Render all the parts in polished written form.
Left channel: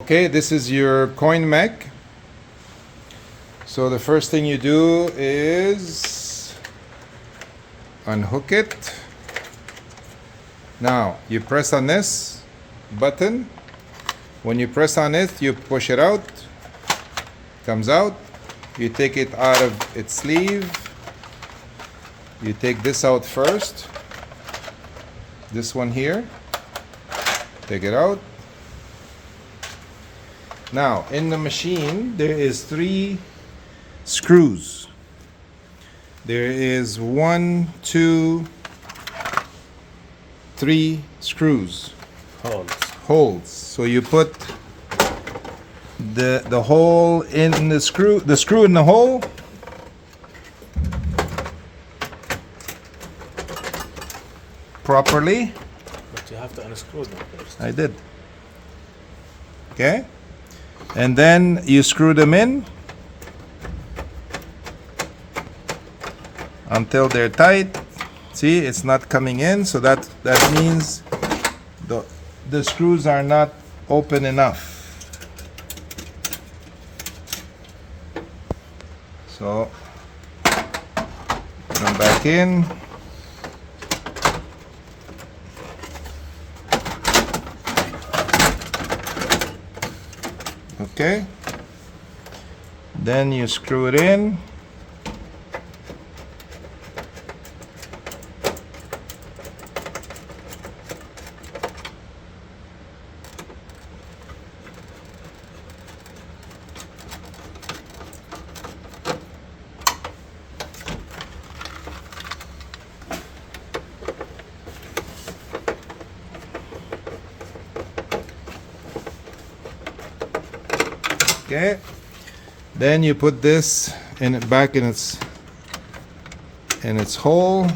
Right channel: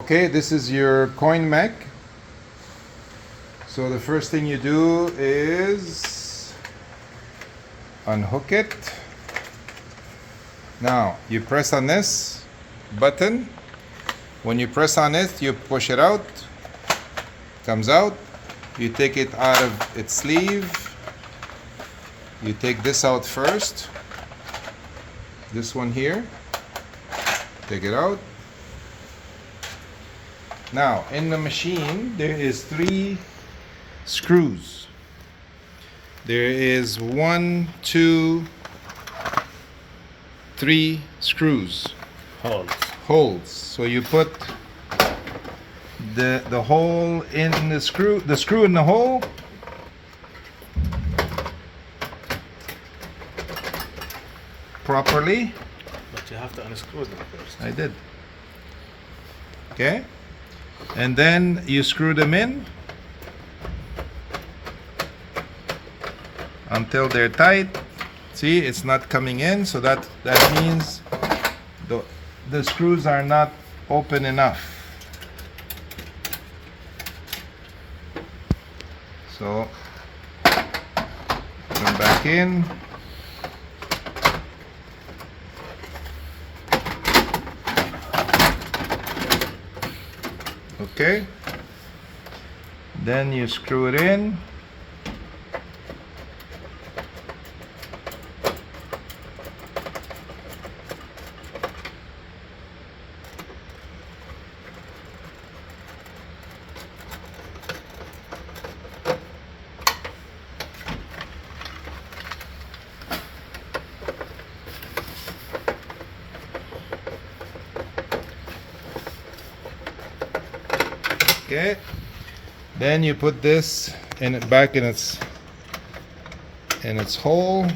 Okay, this is your coin mech. So the first thing you do is unhook it. Now you press on this button. When you press on it, you push it out. Comes out. You take it out of its sleeve. You take this out first. This one here. Take it out. Now, in the machine, there is 3 screws. There is 1, 2, 3 screws. Holes. So you put the hole in the screw in the hole. Properly. But you have to unscrew them first. I did. Okay. And then you screw them in until they're tight. See, it's not coming in, so that means the screws are not open enough. So come back in. Okay, then you screw it in. Okay, then you put this back in its hole.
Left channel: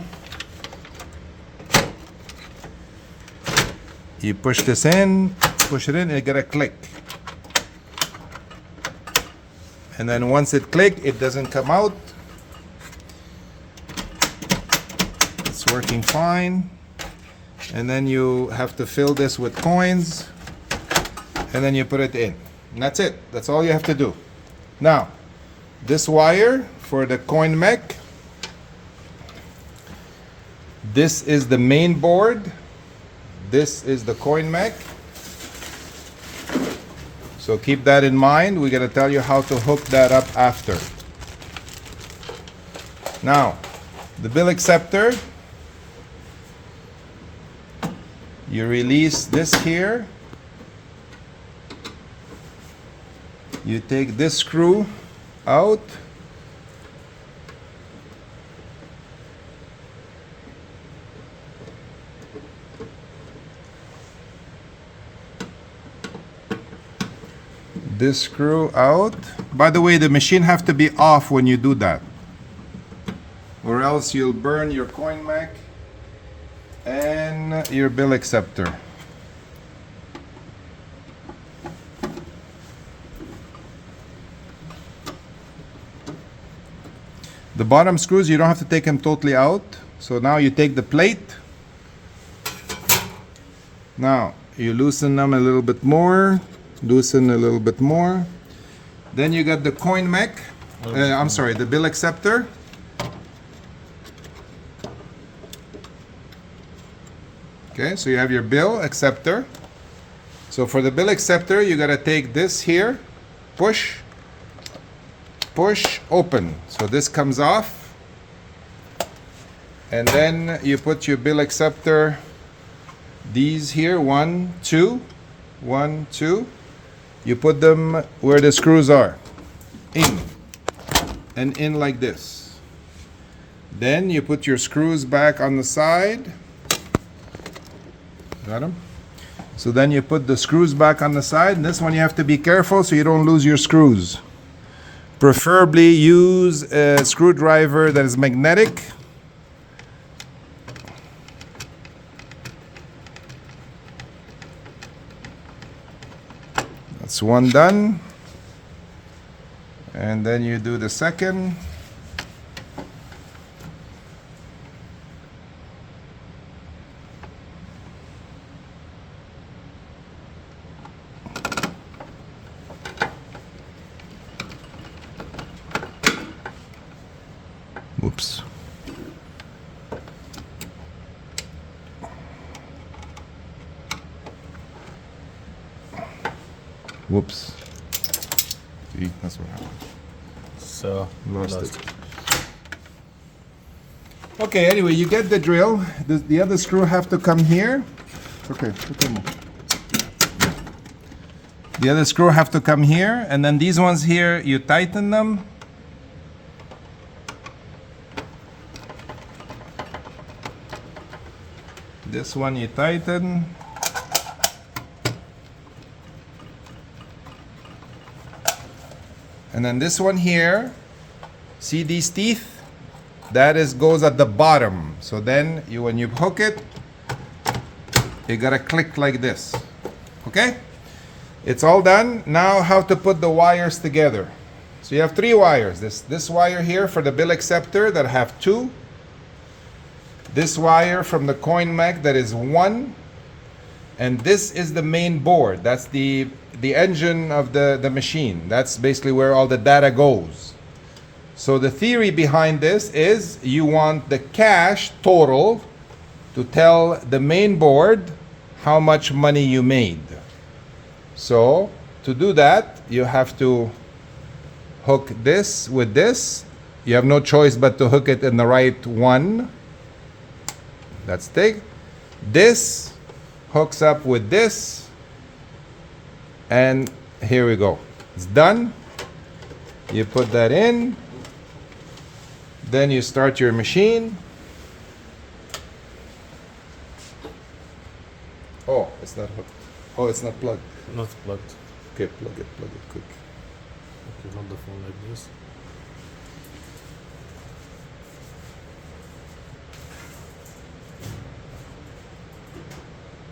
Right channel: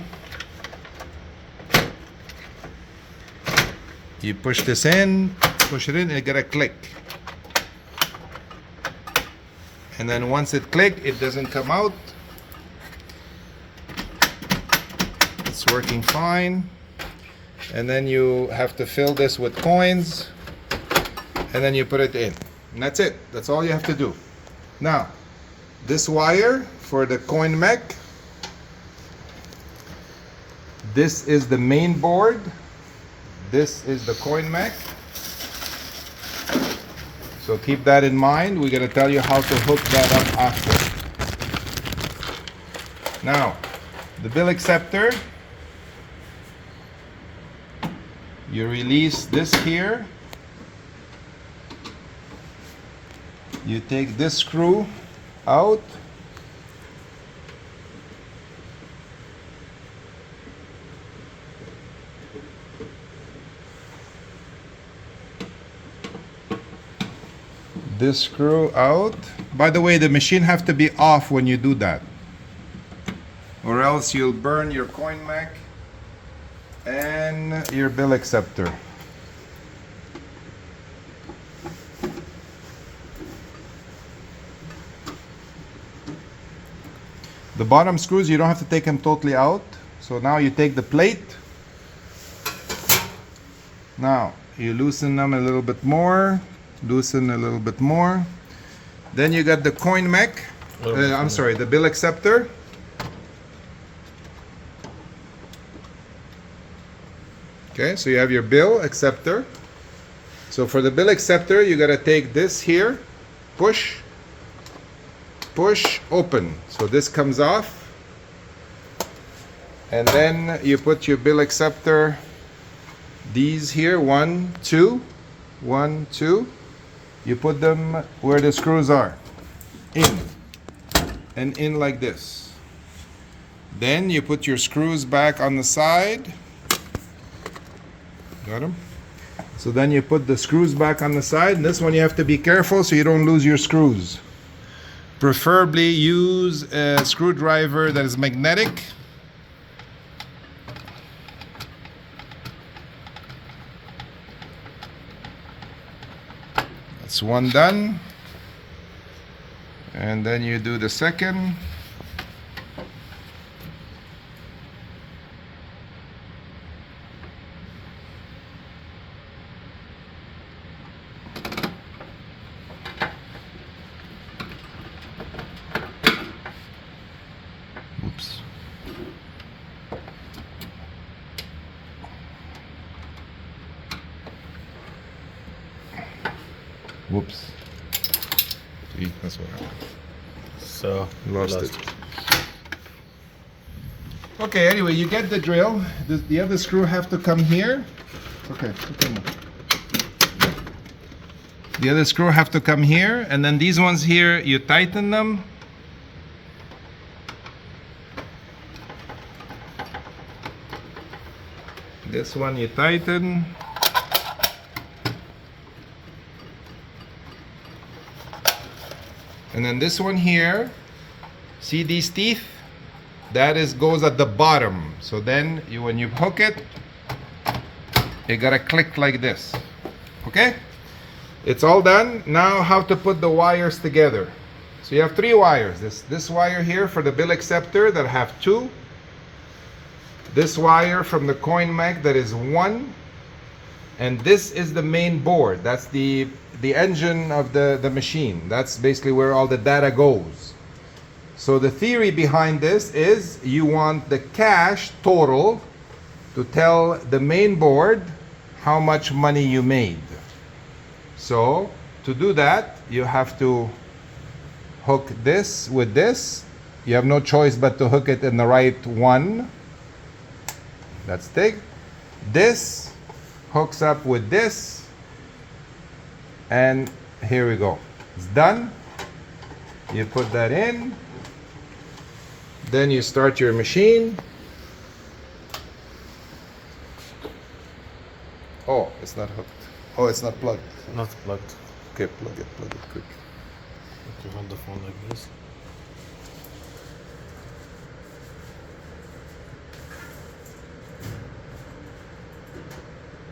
You push this in, push it in, and you get a click. And then once it clicks, it doesn't come out. It's working fine. And then you have to fill this with coins, and then you put it in. And that's it. That's all you have to do. Now, this wire for the coin mech, this is the main board. This is the coin mech. So keep that in mind. We're going to tell you how to hook that up after. Now, the bill acceptor, you release this here. You take this screw out. This screw out. By the way, the machine have to be off when you do that, or else you'll burn your coin mech and your bill acceptor. The bottom screws, you don't have to take them totally out. So now you take the plate. Now you loosen them a little bit more. Loosen a little bit more. Then you got the coin mech. I'm sorry, the bill acceptor. Okay, so you have your bill acceptor. So for the bill acceptor, you gotta take this here, push, push, open. So this comes off, and then you put your bill acceptor, these here, 1, 2, 1, 2. You put them where the screws are, in and in like this. Then you put your screws back on the side. Got them? So then you put the screws back on the side, and this one you have to be careful so you don't lose your screws. Preferably use a screwdriver that is magnetic. That's one done. And then you do the second. Whoops. See, that's what happened. So Lost it. Okay, anyway, you get the drill. The other screw have to come here. Okay, more. The other screw have to come here, and then these ones here, you tighten them. This one you tighten. And then this one here, see these teeth? That goes at the bottom. So then when you hook it, you gotta click like this. Okay? It's all done. Now how to put the wires together. So you have 3 wires. This wire here for the bill acceptor that have 2. This wire from the coin mech that is 1. And this is the main board. That's the engine of the machine. That's basically where all the data goes. So the theory behind this is you want the cash total to tell the main board how much money you made. So to do that, you have to hook this with this. You have no choice but to hook it in the right one. That's thick. This hooks up with this. And here we go. It's done. You put that in. Then you start your machine. Oh, it's not hooked. Oh, it's not plugged. not plugged. Okay, plug it quick. Okay, hold the phone like this.